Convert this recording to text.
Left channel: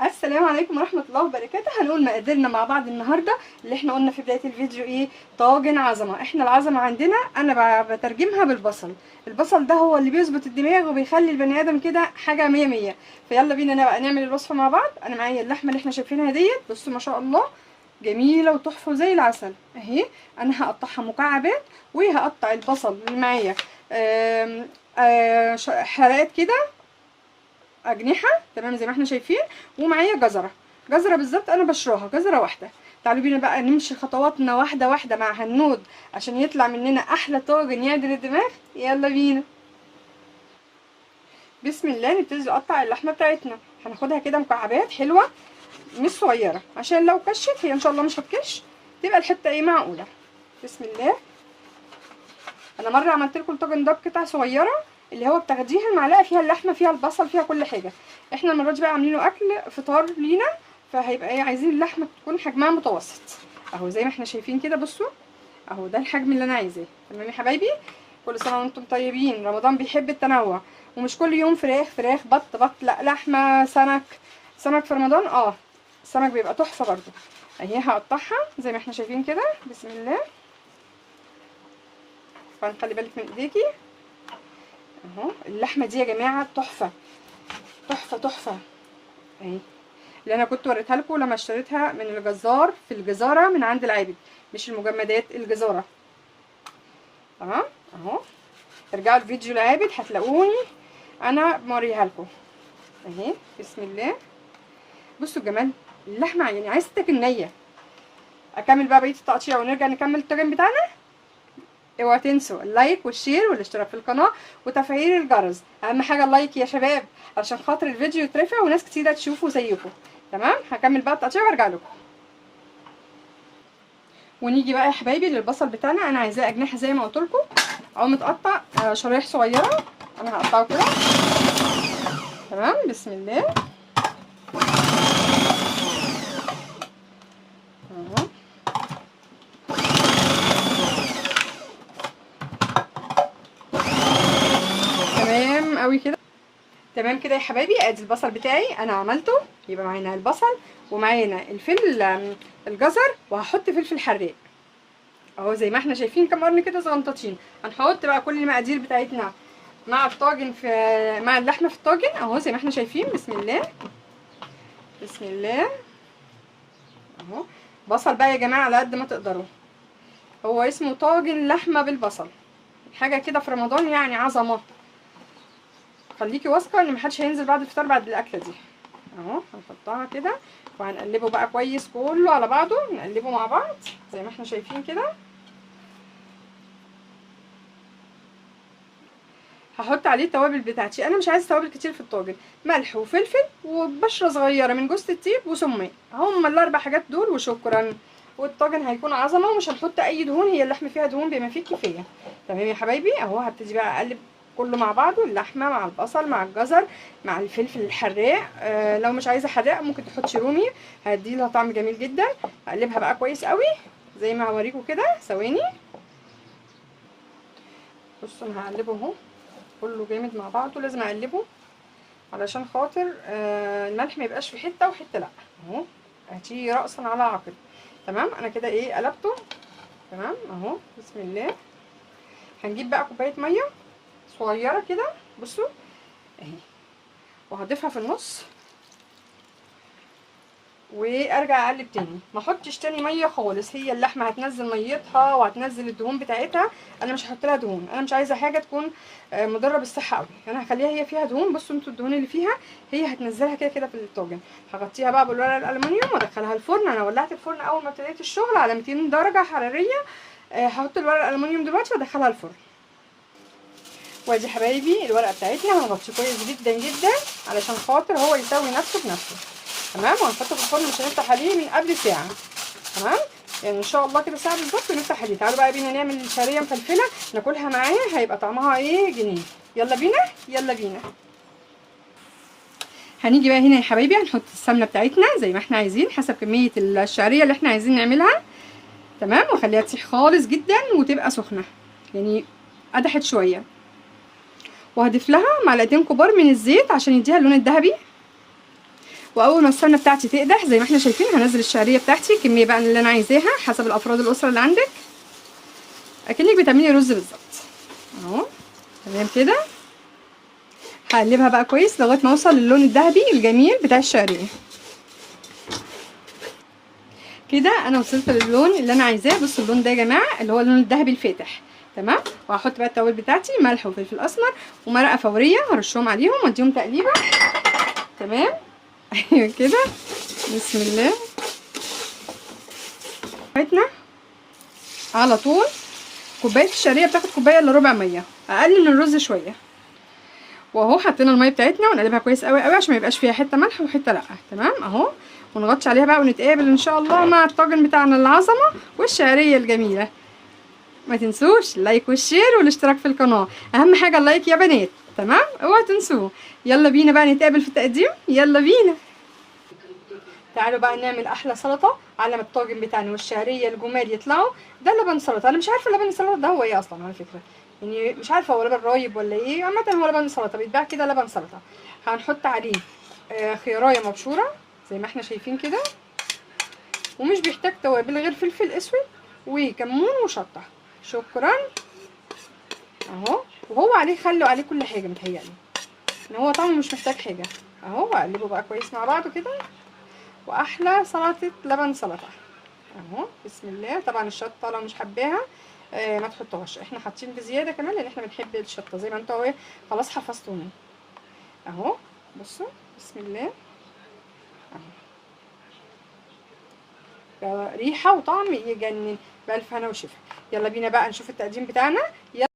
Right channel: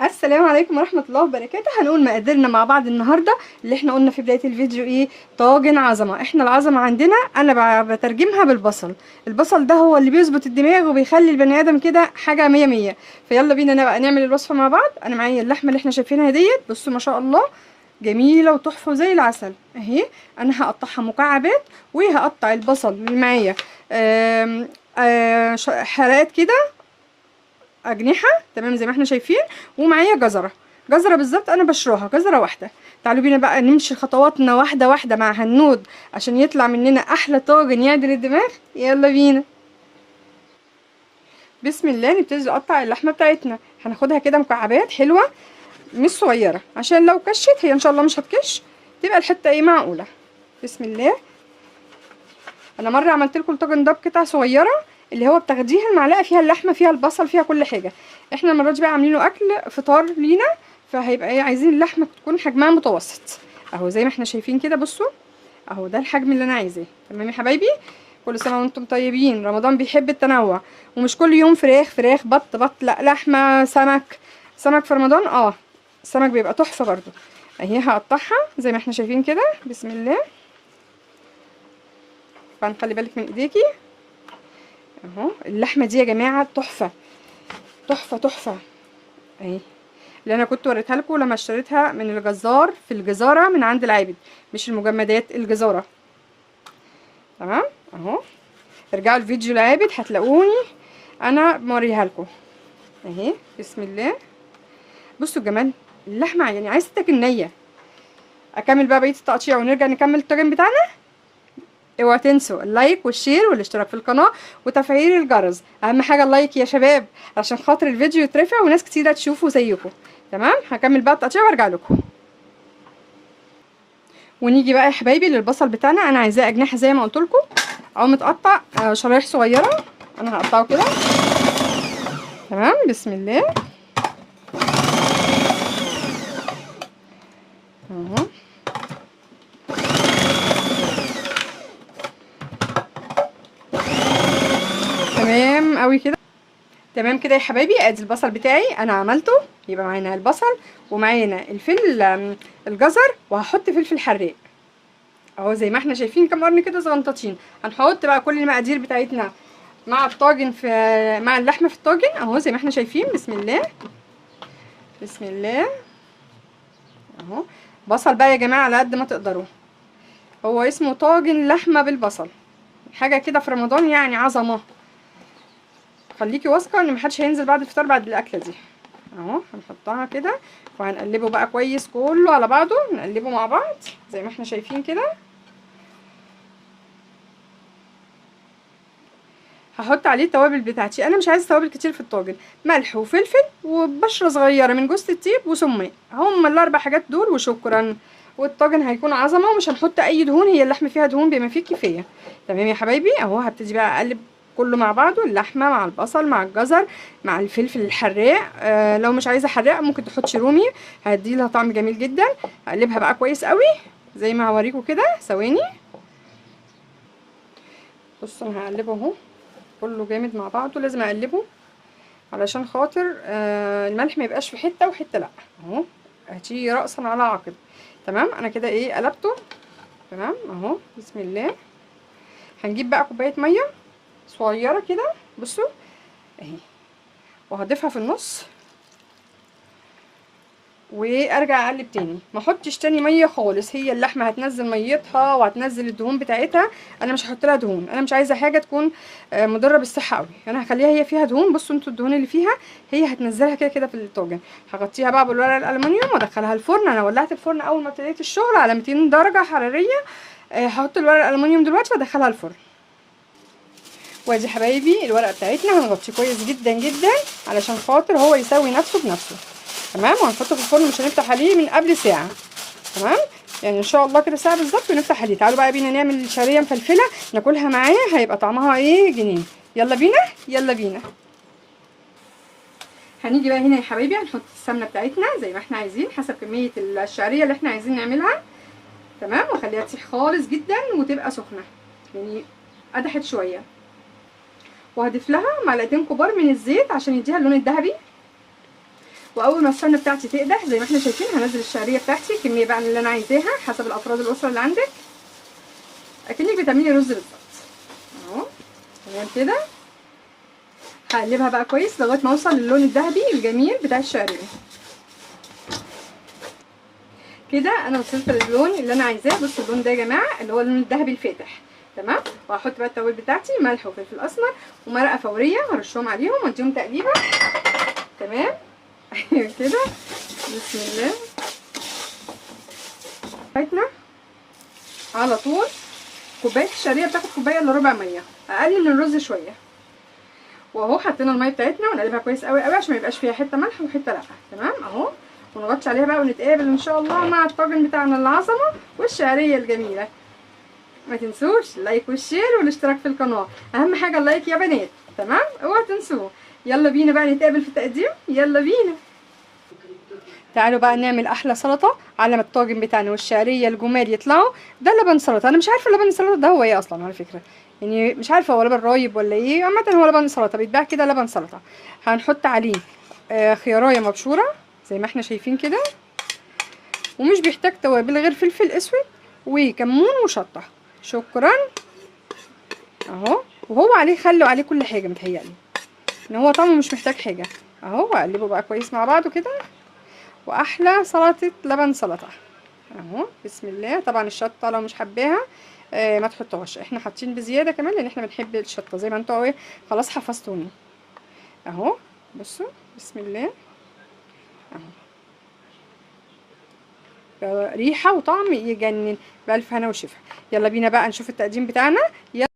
السلام عليكم ورحمة الله وبركاته. هنقول مقاديرنا مع بعض النهاردة. اللي احنا قلنا في بداية الفيديو ايه؟ طاجن عظمة. احنا العظمة عندنا انا بترجمها بالبصل. البصل ده هو اللي بيظبط الدماغ وبيخلي البني ادم كده حاجة مية مية. فيلا بينا بقى نعمل الوصفة مع بعض. انا معايا اللحمة اللي احنا شايفينها ديت، بصوا ما شاء الله جميلة وتحفة زي العسل اهي. انا هقطعها مكعبات، وهقطع البصل اللي معايا حلقات كده، اجنحه تمام زي ما احنا شايفين. ومعايا جزره بالظبط انا بشرها جزره واحده. تعالوا بينا بقى نمشي خطواتنا واحده واحده مع هنود عشان يطلع مننا احلى طاجن يعدل الدماغ. يلا بينا. بسم الله. نبتدي نقطع اللحمه بتاعتنا. هناخدها كده مكعبات حلوه مش صغيره، عشان لو كشت هي ان شاء الله مش هتكش، تبقى الحته ايه معقوله. بسم الله. انا مره عملت لكم الطاجن ده بقطع صغيره، اللي هو بتاخديها المعلقه فيها اللحمه فيها البصل فيها كل حاجه. احنا المره دي بقى عاملينه اكل فطار لينا، فهيبقى ايه، عايزين اللحمه تكون حجمها متوسط اهو زي ما احنا شايفين كده. بصوا اهو ده الحجم اللي انا عايزاه. تمام يا حبايبي، كل سنه وانتم طيبين. رمضان بيحب التنوع، ومش كل يوم فراخ فراخ بط بط، لا لحمه سمك. سمك في رمضان السمك بيبقى تحفه برضو. اهي هقطعها زي ما احنا شايفين كده. بسم الله. فنخلي بالك من ايديكي اهو. اللحمه دي يا جماعه تحفه تحفه تحفه اهي، اللي انا كنت وريتها لكم لما اشتريتها من الجزار في الجزاره من عند العابد، مش المجمدات، الجزاره. تمام اهو. ارجعوا الفيديو العابد هتلاقوني انا موريها لكم اهي. بسم الله. بصوا جمال اللحمه، يعني عايزه تاكل نيه. اكمل بقى بقيه التقطيع ونرجع نكمل الطاجن بتاعنا. اوعوا تنسوا اللايك والشير والاشتراك في القناه وتفعيل الجرس. اهم حاجه اللايك يا شباب، عشان خاطر الفيديو يترفع وناس كتيره تشوفه زيكم. تمام. هكمل بقى التقطيع وارجع لكم. ونيجي بقى يا حبايبي للبصل بتاعنا. انا عايزاه اجنحه زي ما قلت لكم، او متقطع شرايح صغيره. انا هقطعه كده. تمام. بسم الله اهو. تمام قوي كده. تمام كده يا حبايبي. ادي البصل بتاعي انا عملته. يبقى معانا البصل ومعانا الجزر، وهحط فلفل حراق اهو زي ما احنا شايفين كام قرن كده صغنطاطين. هنحط بقى كل المقادير بتاعتنا مع الطاجن مع اللحمه في الطاجن اهو زي ما احنا شايفين. بسم الله. بسم الله اهو. بصل بقى يا جماعه على قد ما تقدروا. هو اسمه طاجن لحمه بالبصل، حاجه كده في رمضان يعني عظمه. خليكي واثقه ان محدش هينزل بعد الفطار بعد الاكله دي اهو. هنحطها كده وهنقلبه بقى كويس كله على بعضه، نقلبه مع بعض زي ما احنا شايفين كده. هحط عليه التوابل بتاعتي. انا مش عايزه توابل كتير في الطاجن، ملح وفلفل وبشره صغيره من جوز الطيب وسماق، هم الاربع حاجات دول وشكرا. والطاجن هيكون عظمه ومش هنحط اي دهون، هي اللحمه فيها دهون بما فيه كفايه. تمام يا حبايبي اهو. هبتدي بقى اقلب كله مع بعضه، اللحمه مع البصل مع الجزر مع الفلفل الحراق. لو مش عايزه حراق ممكن تحطي رومي، هيدي لها طعم جميل جدا. هقلبها بقى كويس قوي زي ما هوريكم كده. ثواني. بصوا انا هقلبه اهو كله جامد مع بعضه. لازم اقلبه علشان خاطر الملح ما يبقاش في حته وحته لا اهو. هتيجي راسا على عقب. تمام. انا كده ايه قلبته. تمام اهو. بسم الله. هنجيب بقى كوبايه ميه صغيره كده بصوا اهي، وهضيفها في النص وارجع اقلب تاني. ما احطش تاني ميه خالص، هي اللحمه هتنزل ميتها وهتنزل الدهون بتاعتها. انا مش هحط لها دهون، انا مش عايزه حاجه تكون مضره بالصحه قوي. انا هخليها هي فيها دهون. بصوا انتوا الدهون اللي فيها هي هتنزلها كده كده في الطاجن. هغطيها بقى بالورق الالومنيوم وادخلها الفرن. انا ولعت الفرن اول ما ابتديت الشغل على 200 درجه حراريه. هحط الورق الالومنيوم دلوقتي وادخلها الفرن. وادي حبايبي الورقه بتاعتنا هنغطيه كويس جدا جدا علشان خاطر هو يسوي نفسه بنفسه. تمام. وهنحطه في الفرن، مش هنفتح عليه من قبل ساعه. تمام. يعني ان شاء الله كده ساعه بالظبط ونفتح عليه. تعالوا بقى بينا نعمل شعريه مفلفله ناكلها معايا، هيبقى طعمها ايه جنين. يلا بينا يلا بينا. هنيجي بقى هنا يا حبايبي هنحط السمنه بتاعتنا زي ما احنا عايزين حسب كميه الشعريه اللي احنا عايزين نعملها. تمام. واخليها تسيح خالص جدا وتبقى سخنه، يعني قدحت شويه. وهضيف لها معلقتين كبار من الزيت عشان يديها اللون الذهبي. واول ما السمنه بتاعتي تقدح زي ما احنا شايفين هنزل الشعريه بتاعتي الكميه بقى اللي انا عايزاها حسب الافراد الاسره اللي عندك، اكنك بتعملي رز بالظبط اهو. تمام كده، هقلبها بقى كويس لغايه ما اوصل للون الذهبي الجميل بتاع الشعريه. كده انا وصلت للون اللي انا عايزاه. بصوا اللون ده يا جماعه اللي هو اللون الذهبي الفاتح. تمام، وهحط بقى التوابل بتاعتي ملح وفلفل اسمر ومرقه فوريه وارشهم عليهم واديهم تقليبه. تمام ايوه كده، بسم الله. بتاعتنا على طول كوبايه الشعريه بتاخد كوبايه الا ربع ميه، اقل من الرز شويه. واهو حطينا الميه بتاعتنا ونقلبها كويس قوي قوي عشان ما يبقاش فيها حته ملح وحته لا. تمام اهو، ونغطي عليها بقى ونتقابل ان شاء الله مع الطاجن بتاعنا العظمه والشعريه الجميله. ما تنسوش اللايك والشير والاشتراك في القناه، اهم حاجه اللايك يا بنات. تمام، اوعوا تنسوه. يلا بينا بقى نتقابل في التقديم، يلا بينا. تعالوا بقى نعمل احلى سلطه على ما الطاجن بتاعنا والشعريه الجمال يطلعوا. ده لبن سلطه، انا مش عارفه اللبن السلطه ده هو ايه اصلا على فكره، يعني مش عارفه هو لبن رايب ولا ايه. عامه هو لبن سلطه بيتباع كده لبن سلطه. هنحط عليه خيارايه مبشوره زي ما احنا شايفين كده، ومش بيحتاج توابل غير فلفل اسود وكمون وشطه. شكرا اهو. وهو عليه خل وعليه كل حاجه متهيألي ان هو طعمه مش محتاج حاجه اهو. واقلبه بقى كويس مع بعضه كده، واحلى سلطه لبن سلطه اهو. بسم الله. طبعا الشطه لو مش حباها ما تحطوهاش، احنا حاطين بزياده كمان لان احنا بنحب الشطه زي ما انتوا اهو. خلاص حفظتوني اهو. بصوا بسم الله اهو، ريحه وطعم يجنن بألف هنا وشفا. يلا بينا بقى نشوف التقديم بتاعنا. يلا